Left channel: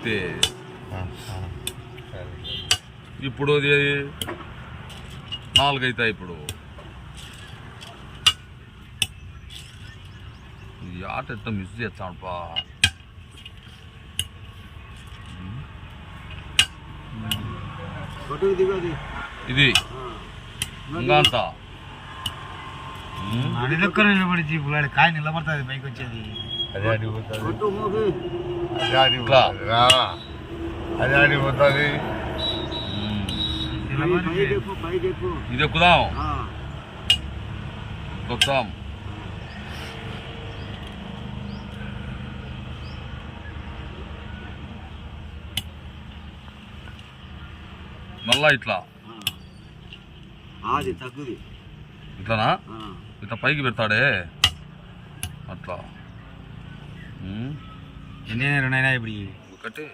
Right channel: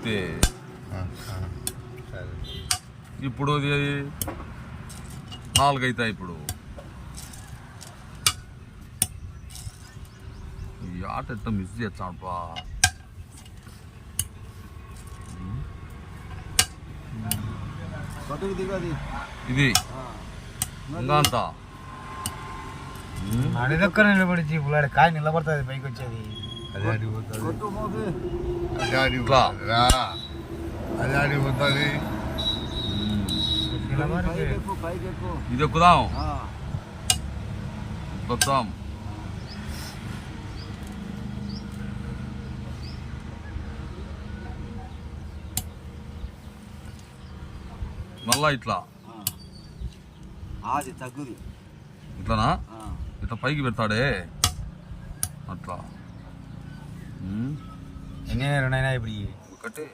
ఎత్తే ఇప్పుడు 4 అవుతాయి. ఇప్పుడు ఈ ఆట ఎట్లా మిస్ చేస్తాడుపా. ఇది ఇంకా అంతా అడిదొక్క నిలబడి జీపులాడి కాయ నిలబడుతుంది పైకి వచ్చేది. అదే అడిగిపోతుంది, అదే అడిగిపోతుంది. ఇది ఎక్కుదాం వస్తాం. మళ్ళా ఇట్లా తగ్గుది ఇట్లానా, ఇట్లా పైకి పెడతాడే అట్లా. ఎన్ని రెండైనా ఇప్పుడు ఒకటే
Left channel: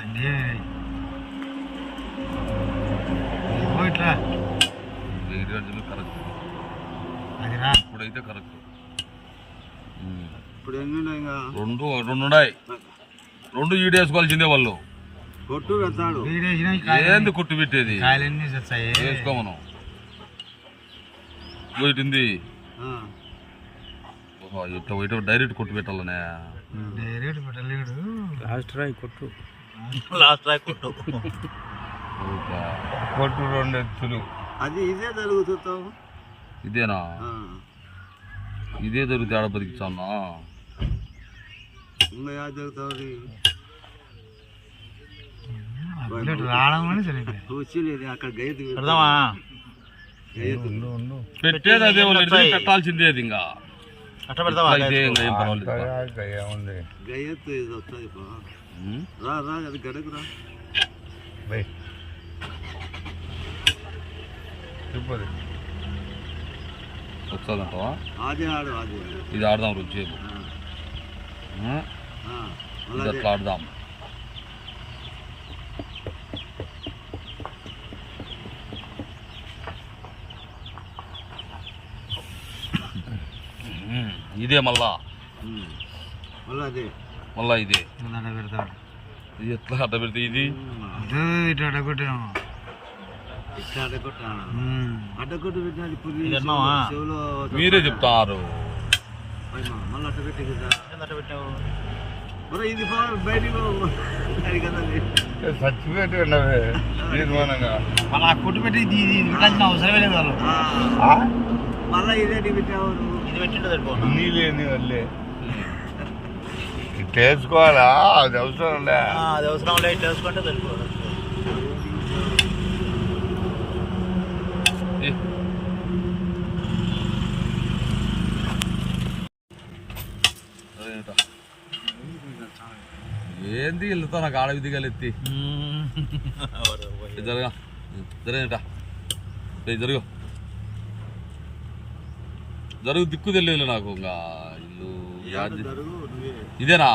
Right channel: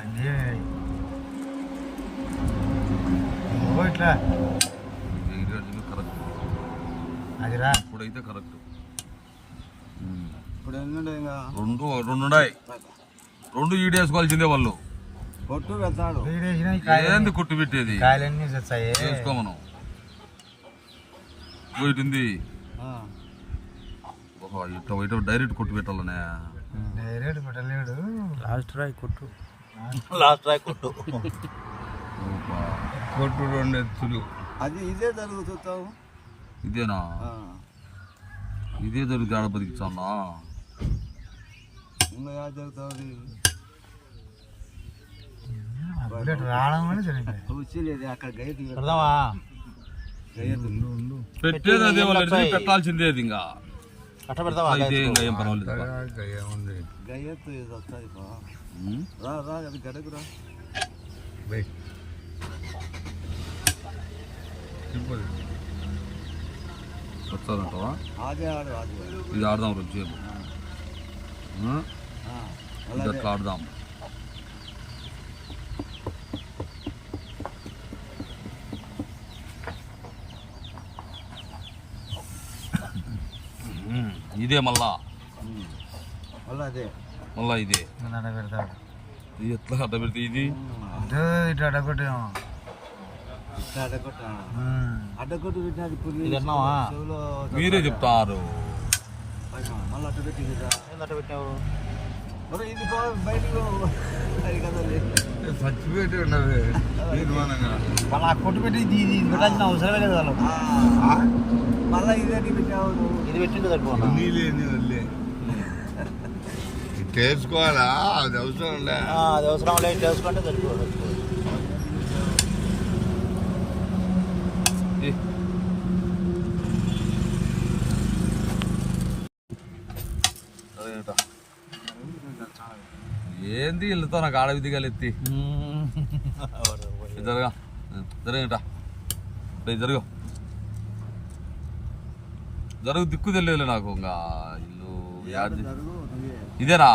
అన్నీ ఇట్లా కరెక్ట్. అదిరా ఇప్పుడైతే కరెక్ట్. ఇప్పుడు రెండు ఉన్నాయి. 2 ఈడేసుకోవాల్సిందే వాళ్ళు. కొట్టు పెడతాడు ఏంది కొట్టు పెట్టేది, కాయలన్నీ వేసుకో మనం. పోయింది ఇట్లా డైరెక్ట్ కొట్టు పెట్టాలనే. డైరెక్ట్ పెట్టలేడు, లాస్ట్ రాయి కొట్టు. కొట్టు 2 ఎత్తులు. అది ఇదే జరుగుతావు. ఇదేనా, ఇదే దొరికితే ఆడ బతికించాలన్నా. ఇంకా జరుగుతావు రావడం అక్కడ పెట్టేది అదే వాళ్ళు పెట్టాల్సిందే. అది ఇంకా అయితే ఇంకా ఏం పర్వాలేదు. గయ్యత్తు ఇది వస్తుంది. రా అది గడకు రా. వస్తుందంటవా? అదే ఆడు ఇది ఆడదాం రుచిసేపు. అట్లా ఆడదాం. ఇదే మళ్ళా ఇదే పెడతాడు. ఇది ఎట్లా అడ్డ పెడితే ఇది ఇట్లా అడ్డకొట్టాము. ఇట్లా అడ్డకొట్టు పెట్టినది మీరే చెప్తారు. మళ్ళీ అట్ట పెట్టి ఇది బయటికి చచ్చిపెట్టి ఉన్నవే తీర్మానంగా మళ్ళీ కొట్టు పెట్టి ఇది పెట్టాల్సిన అవసరమే లేదు వాళ్ళు. మళ్ళీ ఇదే పెట్టావు, ఇది పెట్టిండు సరిపోదు. నీళ్ళేని వాళ్ళే ఇట్లా వేసుకోవాలా, అది అవసరం లే. అది అవసరం లే, ఇట్లా వేసుకుంటే సరిపోదు. ఏంది వెళ్తా నాకు ఆడ విధిగాలు ఎత్తి జరగా జరగట జరుగు జరుగు దిక్కు తెలియదు నాకు. ఇంకా ఇల్లు ఇదేనా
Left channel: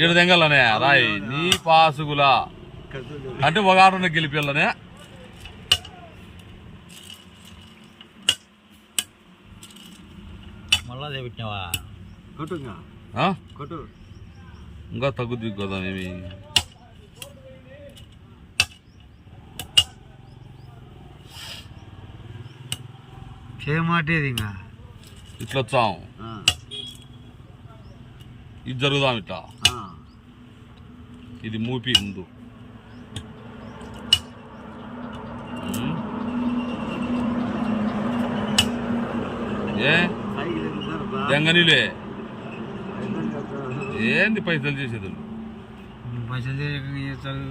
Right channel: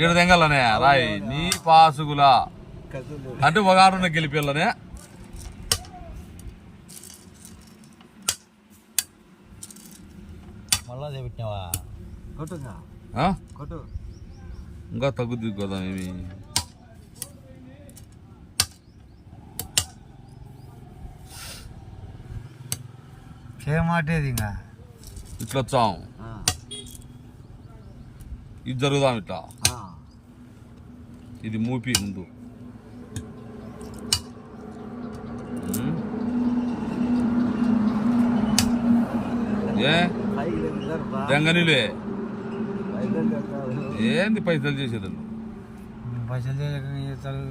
ఈడ తెంగలనే రాయి నీ పాసుగులా అంటే ఒక ఆటనే గెలిపిల్లనే. మళ్ళా పెట్టినావా కొట్టు ఇంకా తగ్గుద్ది కదా. ఏమి చేయమాటేది ఇంకా ఇట్లా వచ్చాం, ఇది జరుగుదాం ఇట్లా. ఇది మూపి ముందు ఏ జంగనీలే ఏంది పైసలు చేసేది. పైసలు చేస్తారు,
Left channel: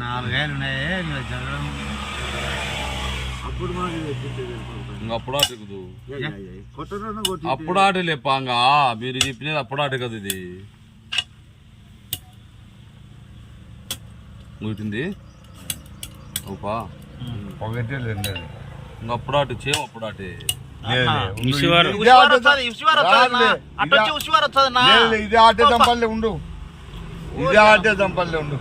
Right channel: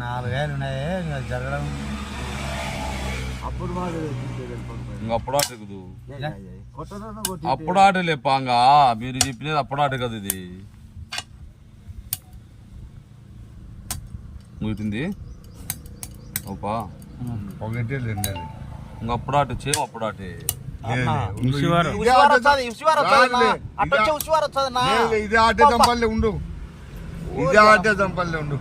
4 కాయలు ఉన్నాయి జరగడం. అప్పుడు అప్పుడు ఆట ఎగుదు, అప్పుడు ఆట లేపాంగా. మీరు చెప్పినది అప్పుడు ఆట కదా. ఇది ముగిటింది ఓపా ఒకటే లేదు. అప్పుడు ఆట చేయం, అప్పుడు ఆటే ఇదే ఆటే దంపల్లే ఉండు, ఇదే ఆటే దంపల్లే ఉండు.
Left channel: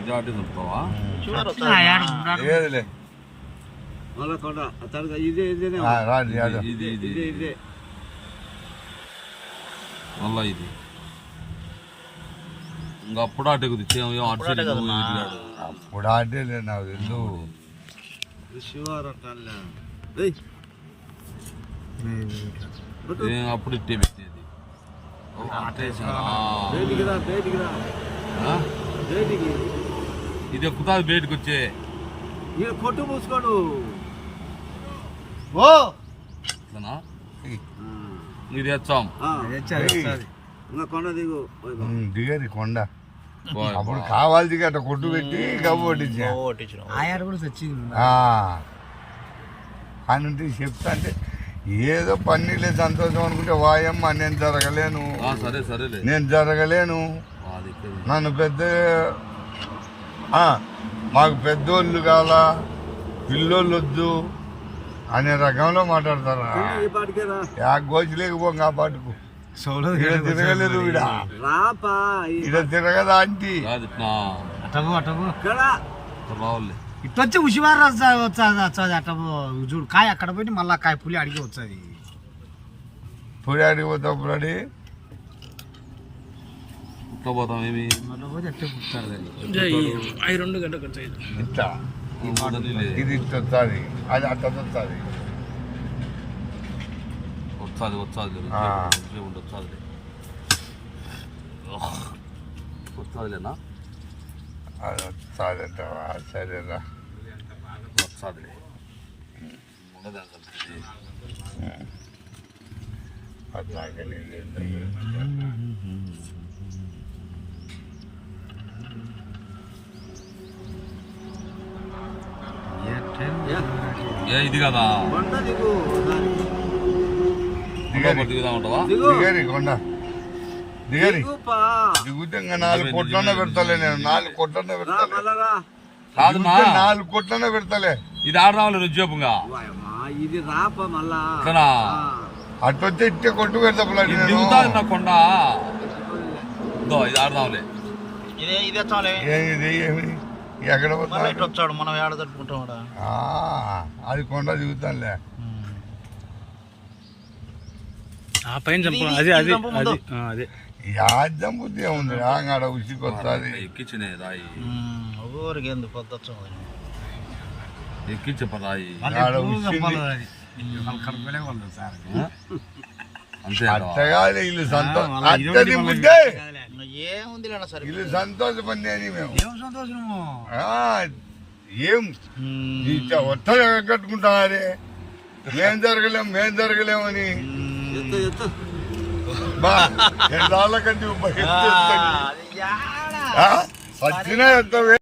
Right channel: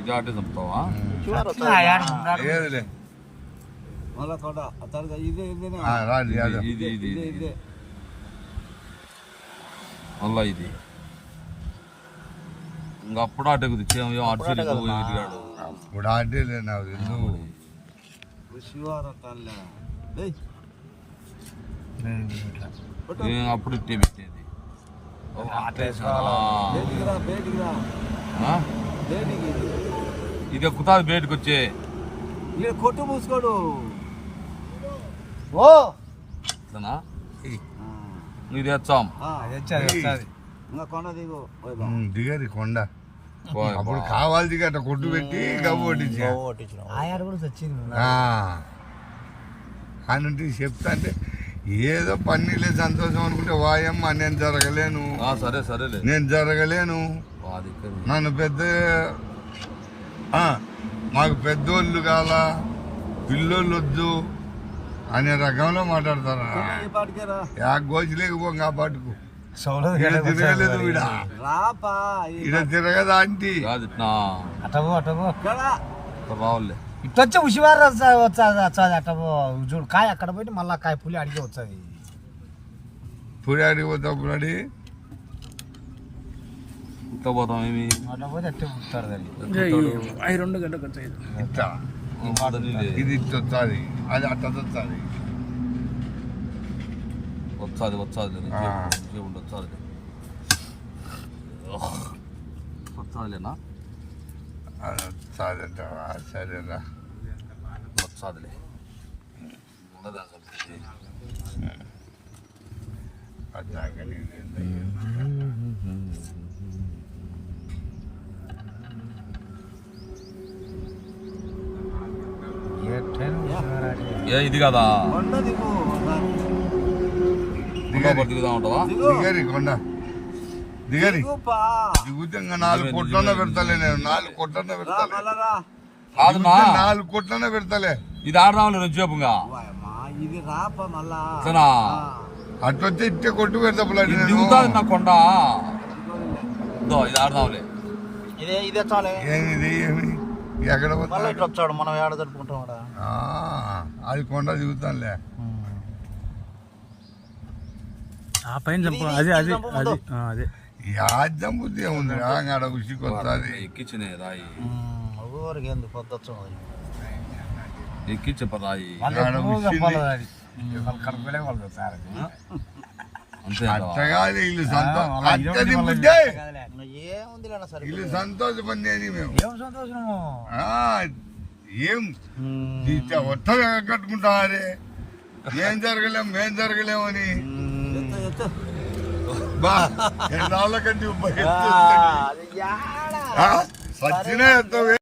ఇదే ఆటే చంపుతావా? ఏదిలే మళ్ళా ఇది ఇంకా అప్పుడు అటెక్కుది అటు సైడ్ ఇటుగాడు అప్పుడు ఆడేలే నాకు తెలుసు. అప్పుడు ఇట్టే పెట్టేది ఇది ఎక్కుతుంది బయటకు వచ్చే కొట్టు మూసుకోడు ఇది తెచ్చాం ఇంకా కొండ దిగు దిగది కొండ అప్పుడు కావాలి దిగి అట్లా కొట్టు పెట్టి గవ్వ కొట్టించా ఆయారు కూడా తెచ్చింది అని చెప్తా అంటే ఏదో పన్నీలే సంతోషం అనుకుంటే వాయమ్మ నేను జరగలేను, సరే సరేలే నేను జరగలేను, నన్ను పెద్ద మాకు పెద్దోళ్ళు కావాలా పిల్లోళ్ళు వద్దు అనే రకంలో మాట్లాడతారా. గోచి లేకపోగా ఆ పాటుకు ఇక్కడ తిరగలేదు, ఇక్కడ తిరగదా ఆంటీ రావులే ఇట్లా వచ్చే ఉషివారు వచ్చాది అట్ట చూడు కాయ అక్కడ పోయి మళ్ళా కాయ పులి అడిగి వచ్చాది పులి అడిగి పోతాప్పుడు అడి ఇట్లా పోతాం ఏమి అట్లా పోతే అట్టే పుట్టారు ఇట్లా ఇది ఇట్లా వస్తుంది, అది అట్ట వస్తుంది. వచ్చాది వచ్చాదిలేనా అది వస్తుంది అంటావా? సరేరా వచ్చాదిలే అది నాకనే ఇది కదా దిగరి ఉంటావా దిగరి కొండ దిగరి దిగుతే ఇంకా 4 కోట్లన్నా పెడతలే, నేను 4 కోట్లన్నా పెడతలే, కాదునా 4 కోట్లన్నా పెడతలే. ఇది ఆడదాంలే రుజోపుగా ఇది రాప మళ్ళా అట్టొచ్చే ఇట్టే కొట్టు పెడతా దిగుతాది నా కొండ ఇది ఆడదాంలే ఏమిది ఏమి ఎక్కడ పోతా వచ్చాడు మనం ఏడ జరుపుకుంటాం అది కొండ దిగుతానులే. యాజ్యం బుద్ధి ఉంది ఆడ ఉసికి వస్తుంది. ఎక్కించిన రాయి ఎందుకు ఎక్కించ రాయి ఆడ ఉసిని అంతే అట్టగా ఇల్లు సంతోషం అట్టది బుద్ధే ఇల్లు సంతోషపడి మేము ఏం ఒట్ట కట్టుకుంటారే మేం జరగలేమని బా 2 కంటే వచ్చినా ఎత్తవే.